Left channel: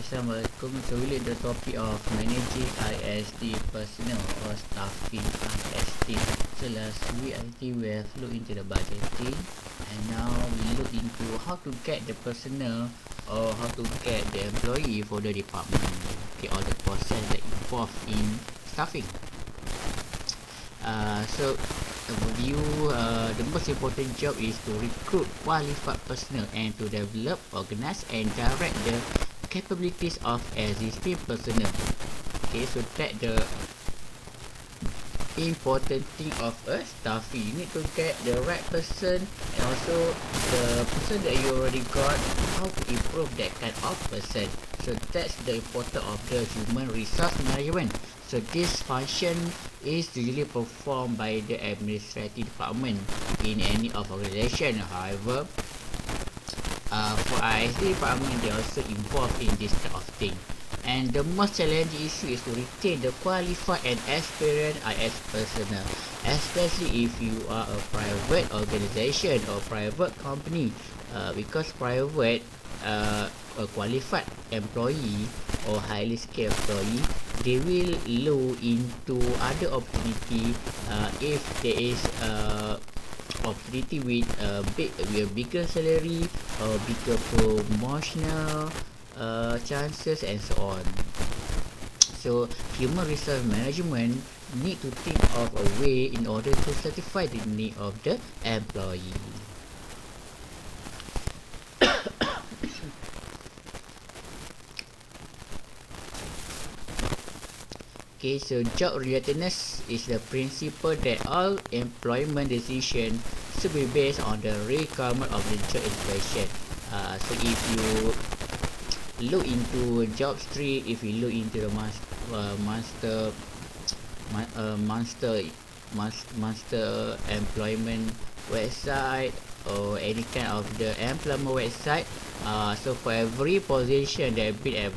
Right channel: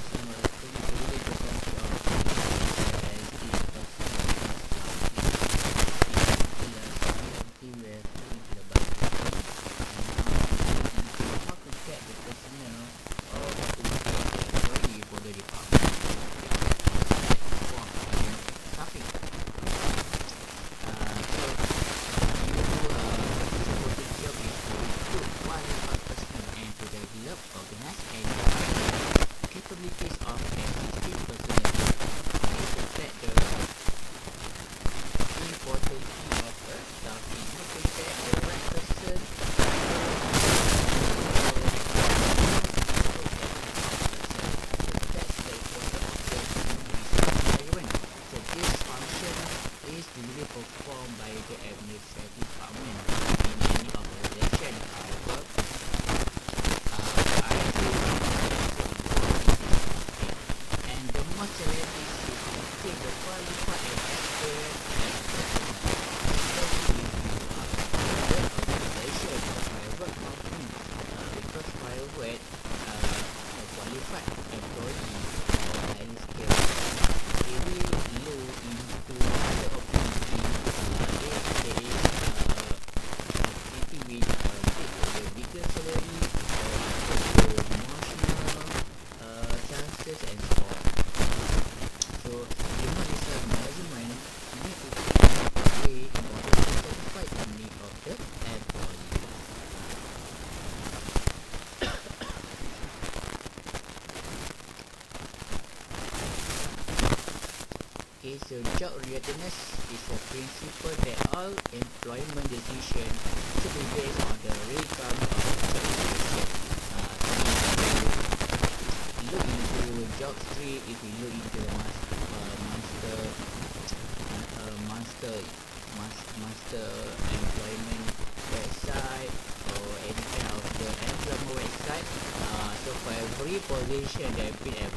Assalamualaikum. So we look at the topic of managing ISD personnel or staffing ISD. So last week I think we have looked into the budgeting, and now we look into how to get the personnel or how to get the employee for the department. Okay, all the process that involved in staffing. So overview, the most important job is to recruit qualified personnel and to develop, organize and direct the capabilities of existing personnel. Okay, so that the important thing of a staffing. You need to get the right person and also the person that you already got, how to improve that kind of person. So that's the importance of the human resource management. So this function is usually performed by the administrative department in any of organization. However, for ISD department, they also involved in this type of thing. And the most challenging issue is to retain the qualified and experienced IS personnel, especially if you are a private organization or private company, because private, a qualified employee or highly skilled employee, they will look into other opportunity if there is opportunity with a bigger salary or bigger promotional chances and so on. So human resource management need to think of a way in order to satisfy the need of the employee. Okay, so job relatedness is the principle that all employment decisions should be based on the requirement of the job in question. So if you look into job street, if you look into the master employment website or any kind of the employment website, so for every position that have been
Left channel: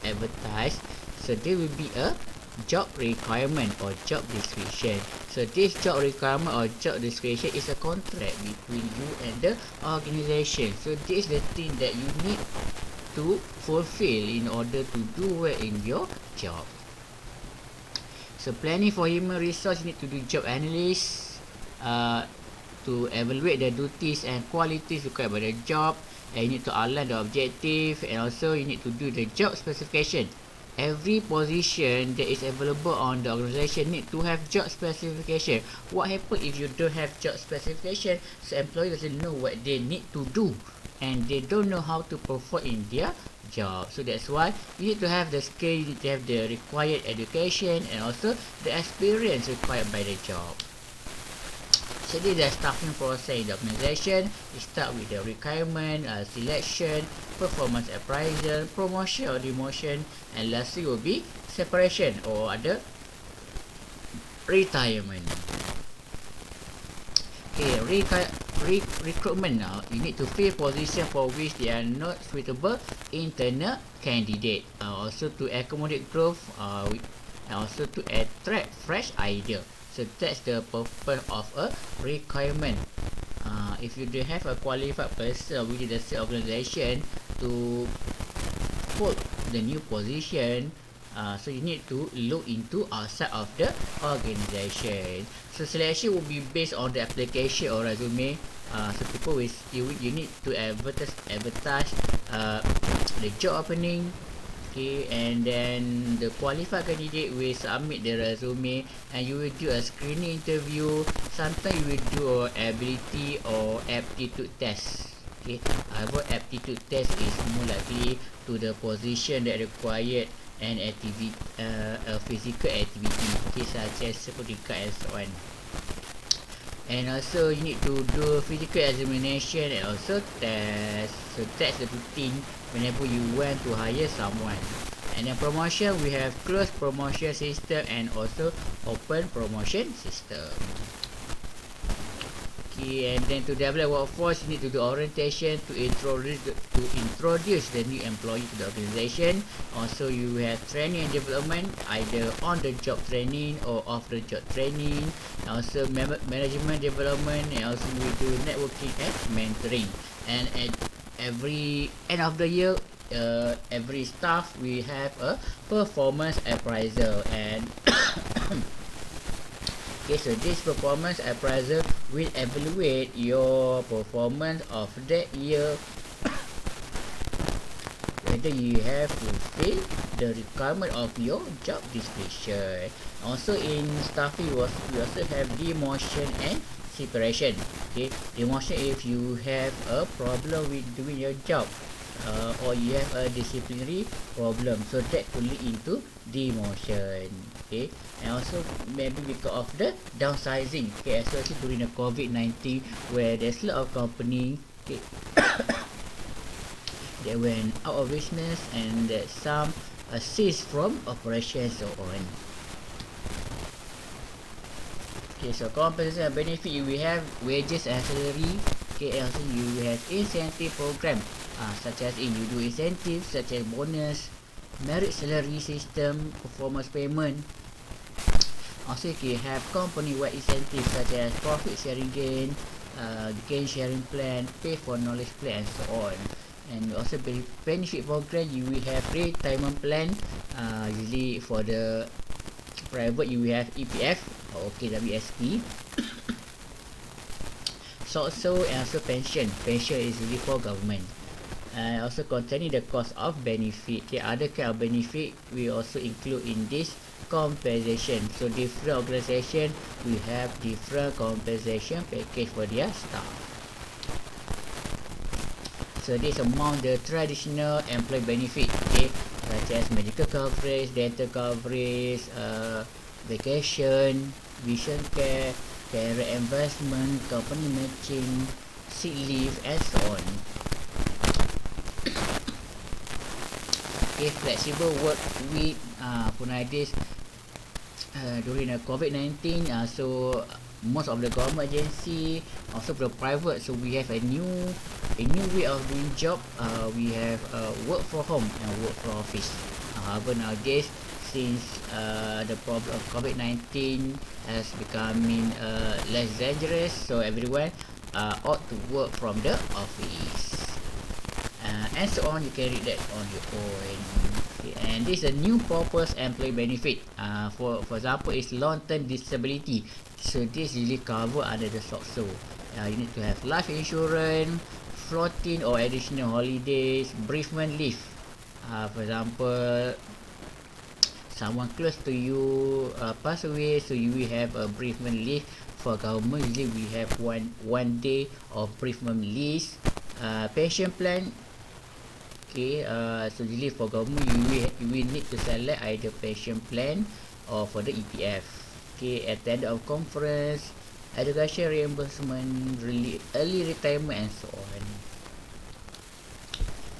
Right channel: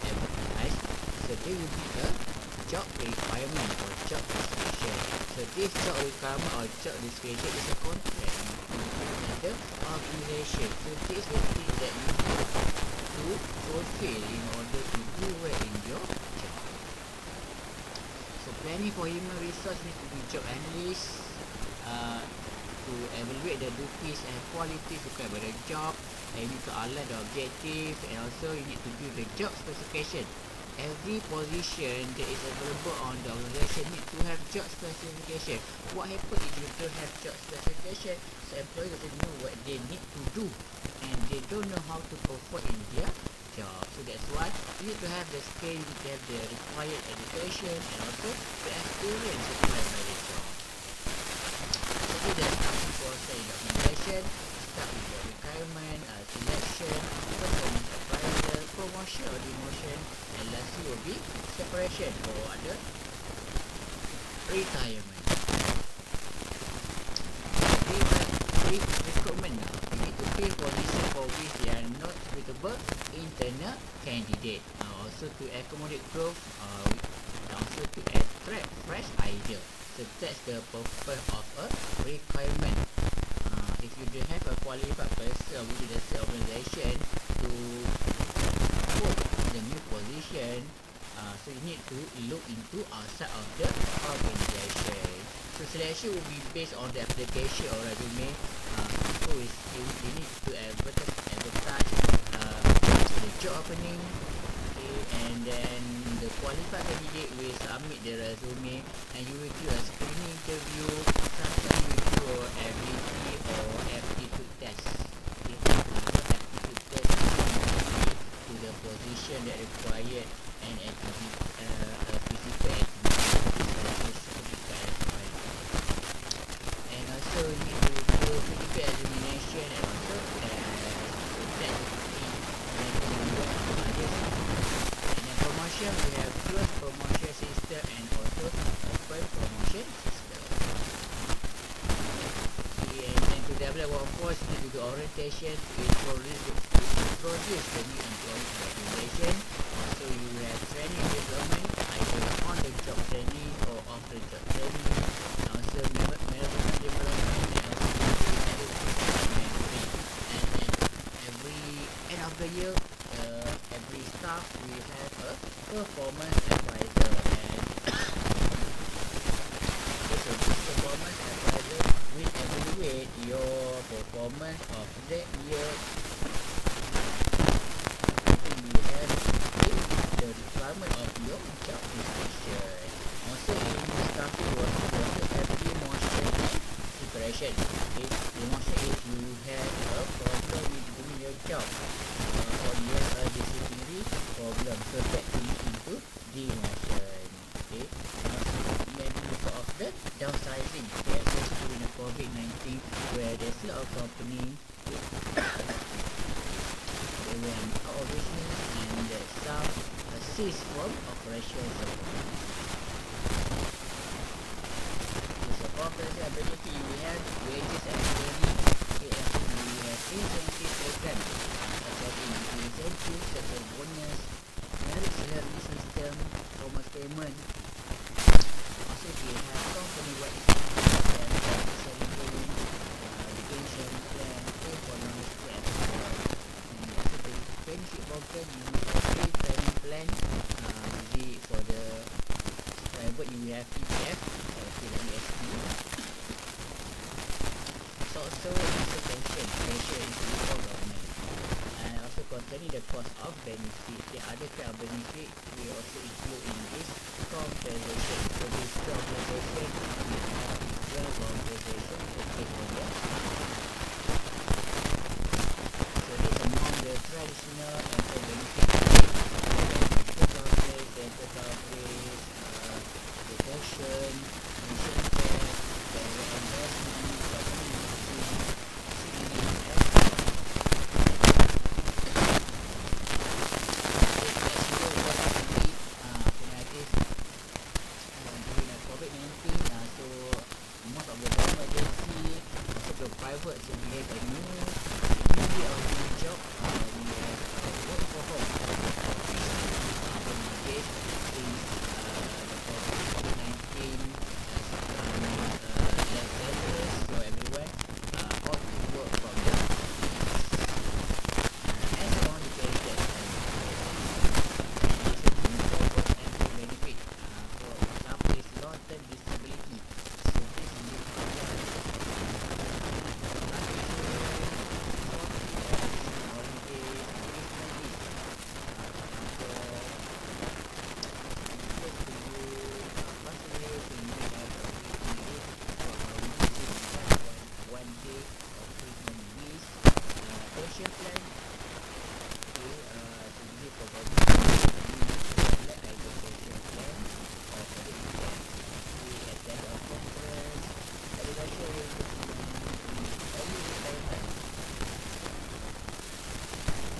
advertised, so there will be a job requirement or job description. So this job requirement or job description is a contract between you and the organization. So this is the thing that you need to fulfill in order to do well in your job. So planning for human resource, you need to do job analysis to evaluate the duties and qualities required by the job, and you need to outline the objective, and also you need to do the job specification. Every position that is available on the organization need to have job specification. What happens if you don't have job specification? So employee doesn't know what they need to do and they don't know how to perform in their job. So that's why you need to have the skill, you need to have the required education and also the experience required by the job. So this is the staffing process in the organization. You start with the requirement, selection, performance appraisal, promotion or demotion, and lastly will be separation or other retirement. Okay, recruitment now. You need to fill position for which they are not suitable internal candidate. Also to accommodate growth, and also to attract fresh idea. So that's the purpose of a requirement. If you don't have a qualified person within the same organization to hold the new position, so you need to look into outside of the organization. So selection will be based on the application or resume. So people will you need to advertise the job opening. Okay, and then the qualified candidate will submit the resume and you will do a screening interview. Sometimes you will do a ability or aptitude test. Okay, however, aptitude test is more likely to the position that required an activity, a physical activity, okay, such as security guard and so on. And also you need to do physical examination and also test. So that's the routine whenever you want to hire someone. And then promotion, we have closed promotion system and also open promotion system. Okay, and then to develop workforce, you need to do orientation to introduce the new employee to the organization. Also, you have training and development, either on the job training or off the job training. And also management development, and also we do networking and mentoring. And at every end of the year, every staff we have a performance appraiser, and okay, so this performance appraiser will evaluate your performance of that year, whether you have fulfilled the requirement of your job description. Also in staffing, we also have demotion and separation. Okay, demotion if you have a problem with doing your job, or you have a disciplinary problem, so that could lead into demotion. Okay, and also maybe because of the downsizing, okay, especially during the COVID-19, where there's a lot of company, okay, they went out of business, and that some ceased from operation and so on. Okay, so compensation and benefit, we have wages and salary. Okay, and also you have incentive program, such as you do incentives such as bonus, merit salary system, performance payment. Also you have company-wide incentives such as profit sharing gain, gain sharing plan, pay for knowledge plan, and so on. And also benefit program, you will have retirement plan. Usually for the private, you will have EPF, okay, WSP. So and also pension is really for government. Also containing the cost of benefit. Okay, other kind of benefit we also include in this compensation. So different organization we have different compensation package for their staff. So this among the traditional employee benefit, okay, such as medical coverage, dental coverage, vacation, vision care, career investment, company matching, sick leave, and so on. Okay, flexible work week for nowadays during the COVID-19. So most of the government agency, also the private, so we have a new way of doing job. We have work from home and work from office. However, nowadays, since the problem of COVID-19 has becoming less dangerous, so everyone ought to work from the office. And so on. You can read that on your own. Okay, and this is a new purpose employee benefit. For example, is long-term disability. So this usually cover under the SOCSO. You need to have life insurance, floating or additional holidays, bereavement leave. For example, someone close to you pass away, so you will have a bereavement leave. For government, usually we have one day of bereavement leave. Pension plan. Okay, so usually for government, you will need to select either pension plan or for the EPF. Okay, attend of conference, education reimbursement, early retirement, and so on.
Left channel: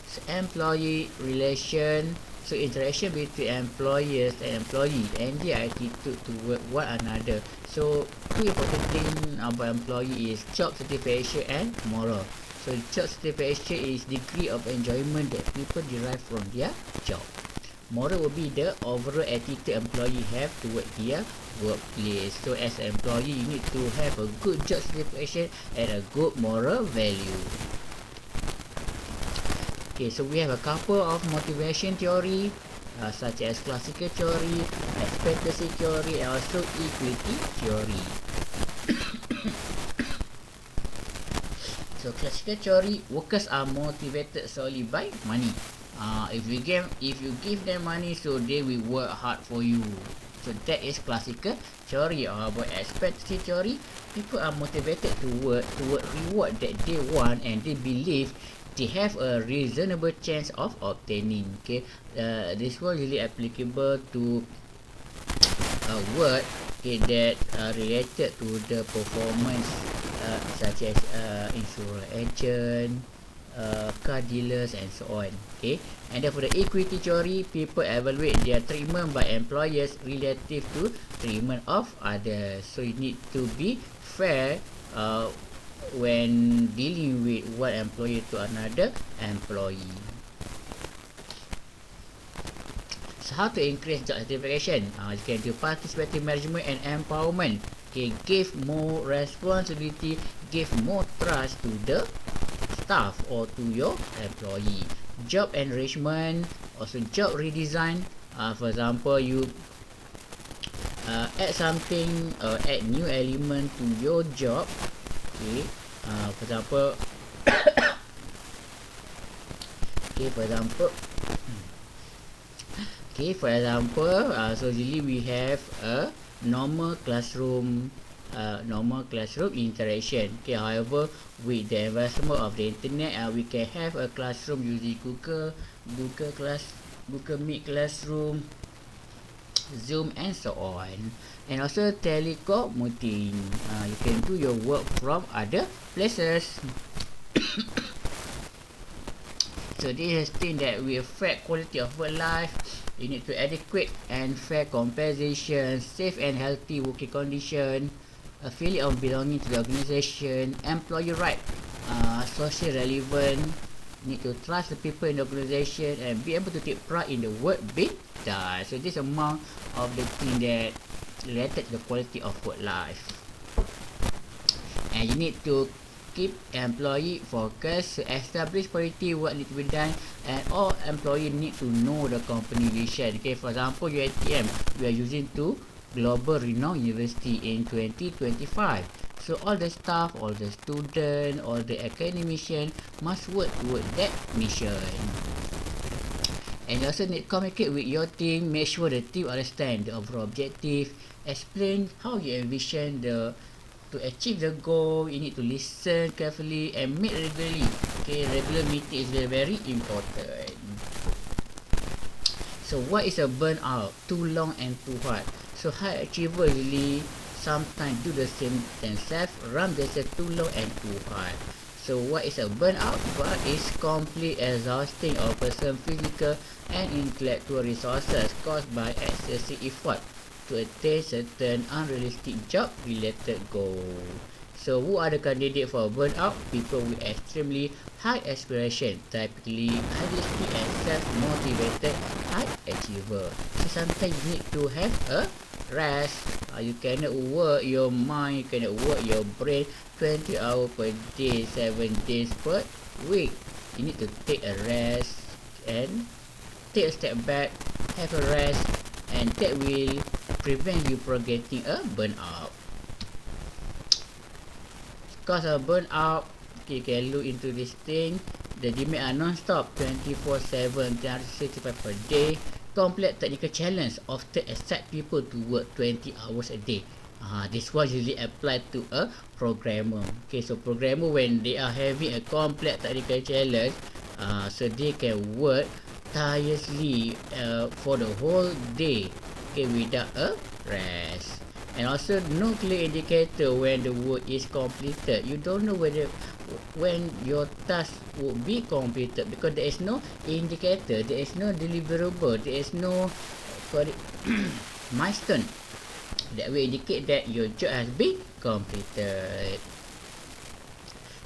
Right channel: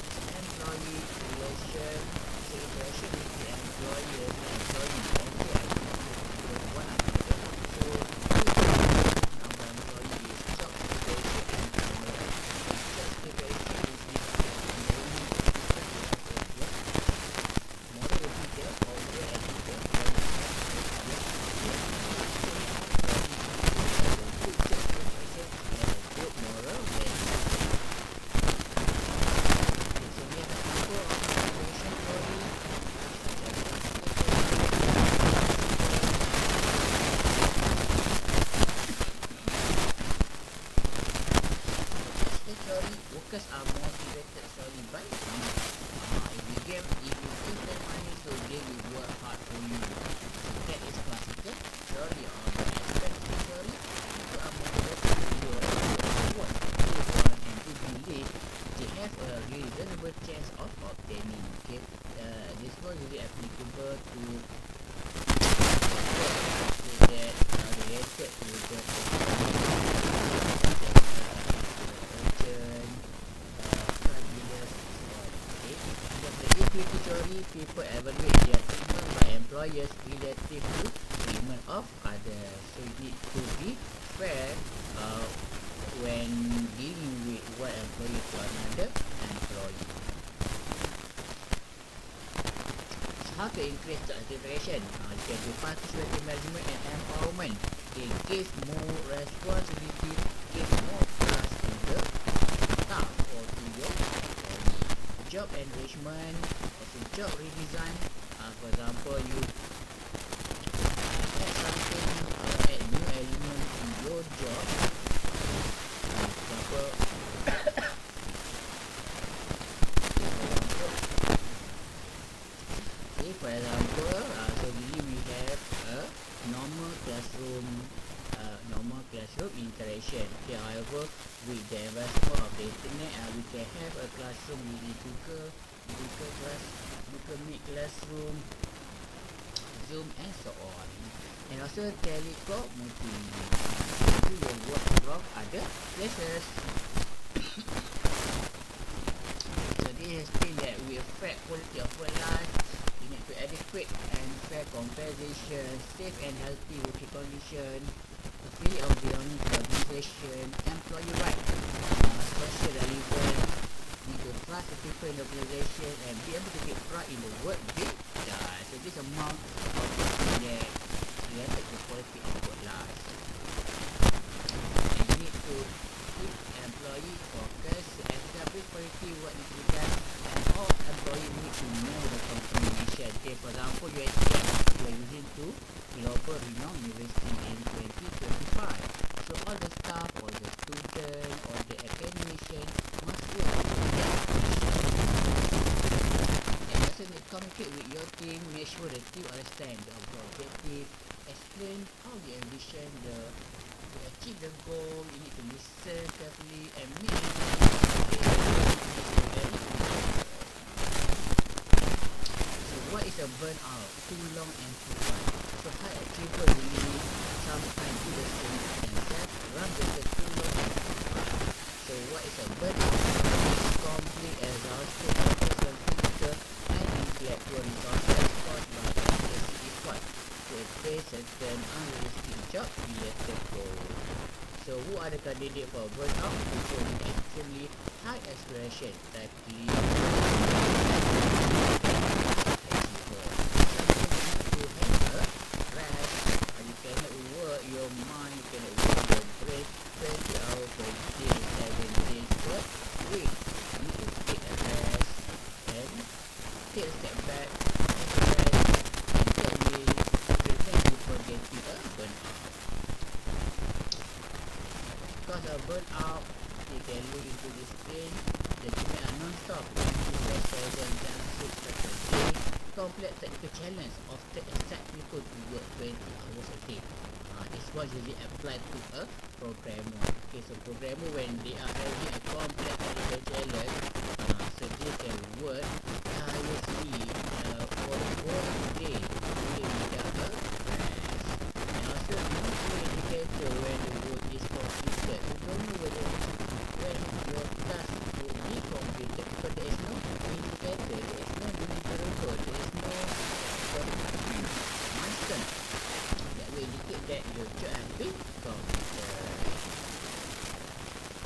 So employee relation, so interaction between employers and employee, and their attitude toward one another. So two important things about employee is job satisfaction and moral. So job satisfaction is degree of enjoyment that people derive from their job. Moral will be the overall attitude employee have toward their workplace. So as an employee, you need to have a good job satisfaction and a good moral value. Okay, so we have a couple of motivation theory, such as classical theory, expectancy theory, and also equity theory. So classical theory, workers are motivated solely by money. If you give them money, so they will work hard for you. So that is classical theory. About expectancy theory, people are motivated to work toward reward that they want, and they believe they have a reasonable chance of obtaining. Okay, this was really applicable to work, okay, that related to the performance, such as insurance agent, car dealers, and so on. Okay, and then for the equity theory, people evaluate their treatment by employers relative to treatment of others. So you need to be fair when dealing with one employee to another employee. So how to increase job satisfaction? You can do participative management and empowerment. Okay, give more responsibility, give more trust to the staff or to your employee. Job enrichment, also job redesign. For example, you add something, add new element to your job. Okay, for example, so usually we have a normal classroom interaction. Okay, however, with the advancement of the internet, we can have a classroom using Google Meet Classroom, Zoom, and so on. And also telecommuting. You can do your work from other places. So this is thing that will affect quality of work life. You need to adequate and fair compensation, safe and healthy working condition, a feeling of belonging to the organisation, employee right, social relevant, need to trust the people in the organisation and be able to take pride in the work being done. So this amount of the thing that related to the quality of work life. And you need to keep employee focused, establish priority what need to be done, and all employee need to know the company vision. Okay, for example, UiTM, you are using to global renowned university in 2025. So all the staff, all the student, all the academician must work toward that mission. And you also need to communicate with your team, make sure the team understand the overall objective, explain how you envision to achieve the goal. You need to listen carefully and meet regularly. Okay, regular meeting is very, very important. So what is a burnout? Too long and too hard. So high achiever usually sometimes do the same themselves, run themselves too long and too hard. So what is a burnout? Burnout is complete exhausting of person physical and intellectual resources caused by excessive effort to attain certain unrealistic job-related goals. So who are the candidates for burnout? People with extremely high aspiration, typically highly skilled and self-motivated high achiever. So sometimes you need to have a rest. You cannot work your mind, you cannot work your brain 20 hours per day, 7 days per week. You need to take a rest and take a step back, have a rest, and that will prevent you from getting a burnout. Cause of burnout, okay, you can look into this thing. The demand are non-stop, 24/7, 365 per day. Complex technical challenge often expect people to work 20 hours a day. This one usually applied to a programmer. Okay, so programmer when they are having a complex technical challenge, so they can work tirelessly for the whole day, okay, without a rest. And also no clear indicator when the work is completed. You don't know whether when your task will be completed because there is no indicator, there is no deliverable, there is no milestone that will indicate that your job has been completed.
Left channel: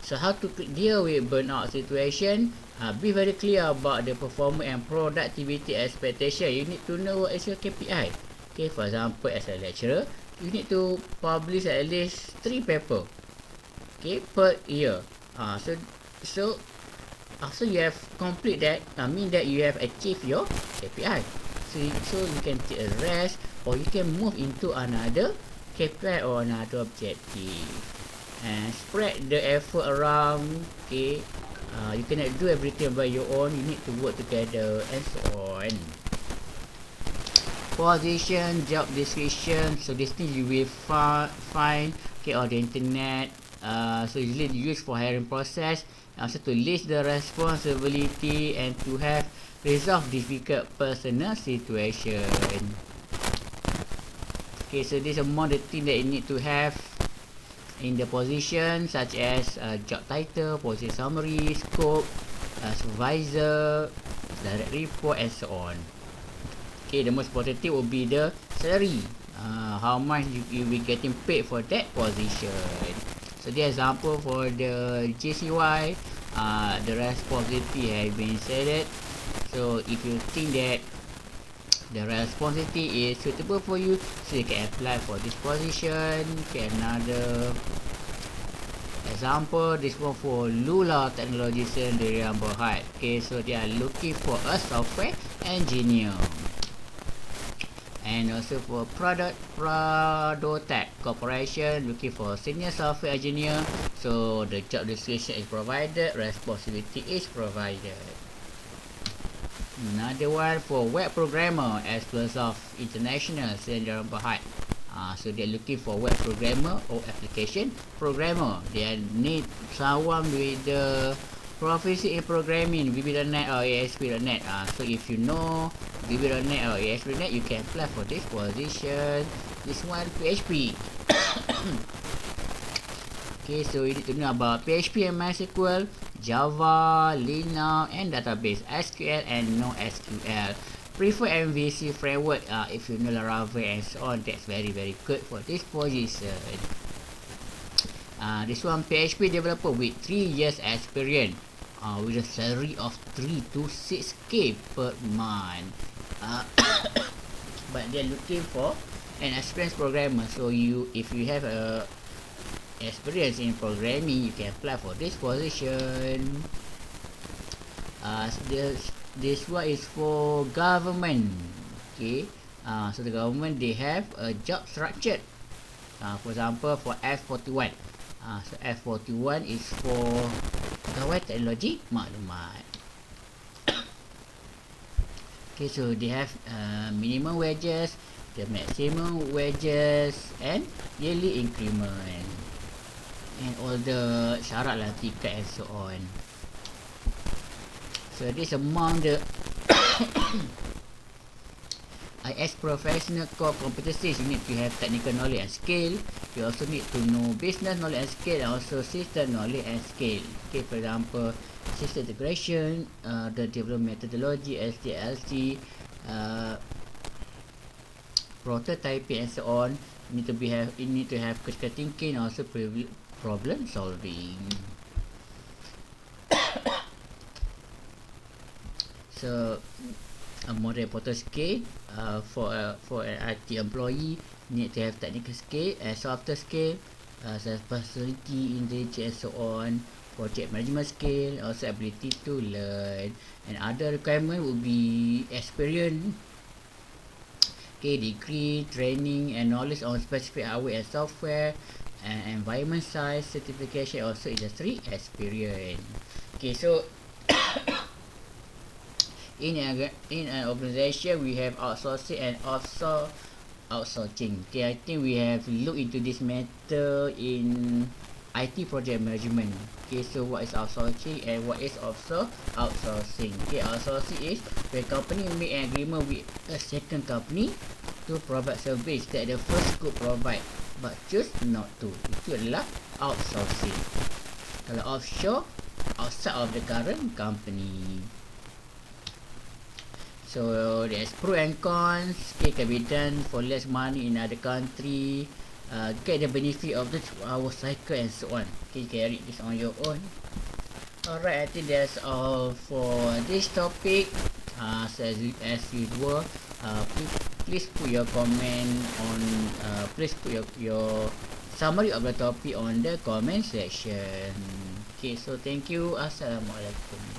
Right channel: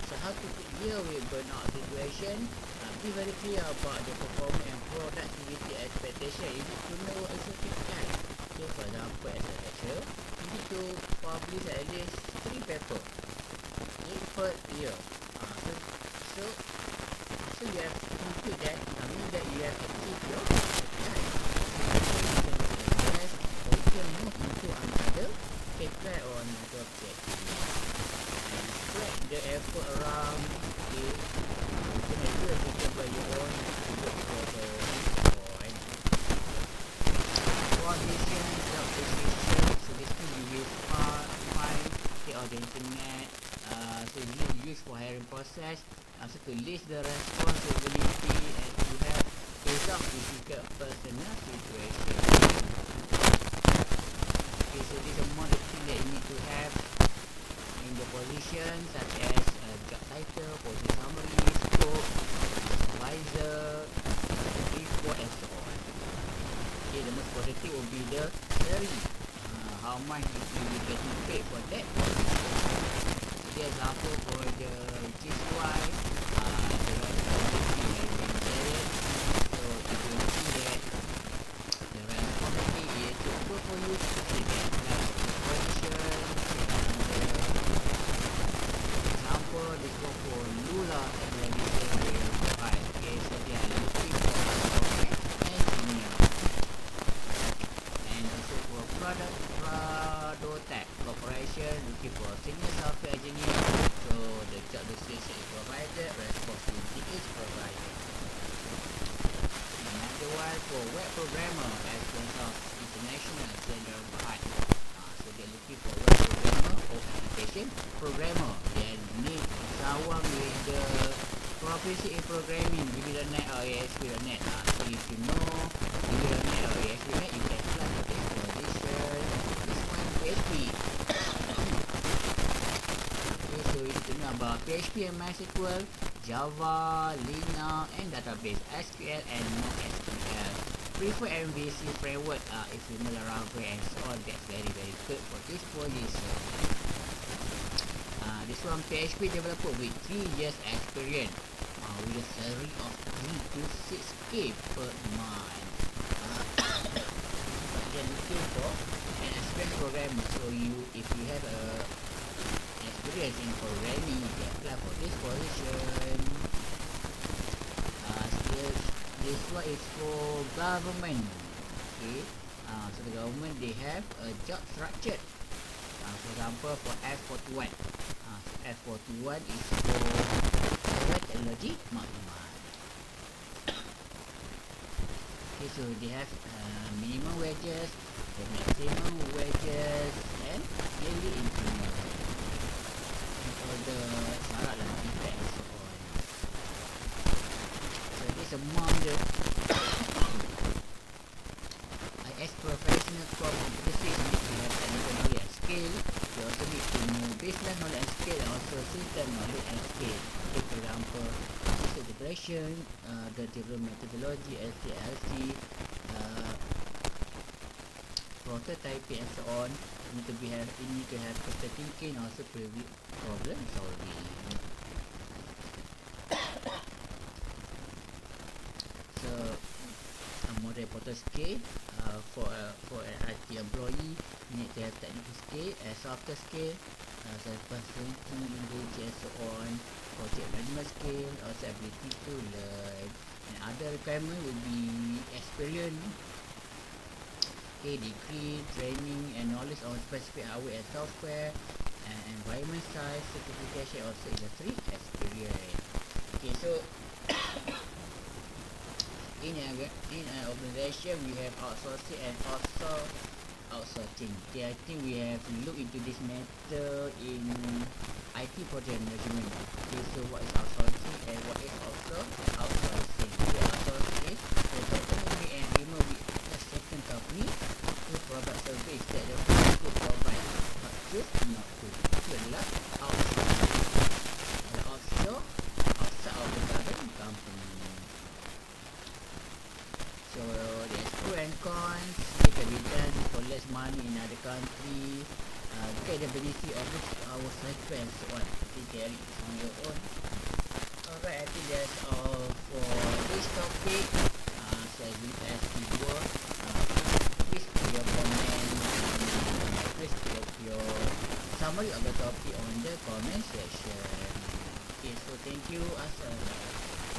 So how to deal with burnout situation? Be very clear about the performance and productivity expectation. You need to know what is your KPI. Okay, for example, as a lecturer, you need to publish at least 3 papers, okay, per year. So after you have complete that, mean that you have achieved your KPI. So you can take a rest or you can move into another KPI or another objective and spread the effort around. Okay, you cannot do everything by your own. You need to work together and so on. Position, job description. So this thing you will find okay on the internet. So usually used for hiring process. Also to list the responsibility and to have resolve difficult personal situation. Okay, so this is among the thing that you need to have in the position, such as job title, position summary, scope, supervisor, direct report, and so on. Okay, the most important thing will be the salary. How much you will be getting paid for that position. So the example for the JCY, the responsibility has been said. So if you think that the responsibility is suitable for you, so you can apply for this position. Okay, another Example, this one for Lula Technology Sdn Bhd. Okay, so they are looking for a software engineer. And also for Prodotech Corporation, looking for senior software engineer. So the job description is provided, responsibility is provided. Another one for web programmer, Explosoft International Sdn Bhd. So they're looking for web programmer or application programmer. They need someone with the proficiency in programming, VB.NET or ASP.NET. So if you know VB.NET or ASP.NET, you can apply for this position. This one, PHP. Okay, so you need to know about PHP and MySQL, Java, Linux, and database, SQL and NoSQL. Prefer MVC framework if you know Laravel and so on. That's very good for this position. This one, PHP developer with 3 years experience, with a salary of 3 to 6k per month. But they're looking for an experienced programmer. So if you have a experience in programming, you can apply for this position. This one is for government. Okay, so the government, they have a job structure. For example, for F41. So F41 is for Pegawai Teknologi Maklumat. Okay, so they have minimum wages, the maximum wages, and yearly increment, and all the syarat lah, tiket and so on. So this among the IS professional core competencies. You need to have technical knowledge and skill. You also need to know business knowledge and skill, and also system knowledge and skill. Okay, for example, system integration, the development methodology, SDLC, prototyping and so on. You need to have critical thinking, also problem solving. So a more important skill for an IT employee, need to have technical skill and softer skill, such as personality, intelligence, and so on. Project management skill, also ability to learn, and other requirement would be experience, okay, degree, training, and knowledge on specific hardware and software, and environment size, certification, also industry experience. Okay, so in an organization, we have outsourcing and offshore outsourcing. Okay, I think we have looked into this matter in IT project management. Okay, so what is outsourcing and what is offshore outsourcing? Okay, outsourcing is when company make an agreement with a second company to provide service that the first could provide but choose not to. Itu adalah outsourcing. Kalau offshore, outside of the current company. So there's pro and cons. Okay, can be done for less money in other country. Get the benefit of the 2-hour cycle and so on. Okay, you can read this on your own. Alright, I think that's all for this topic. So as usual, please put your comment on. Please put your summary of the topic on the comment section. Okay, so thank you. Assalamualaikum.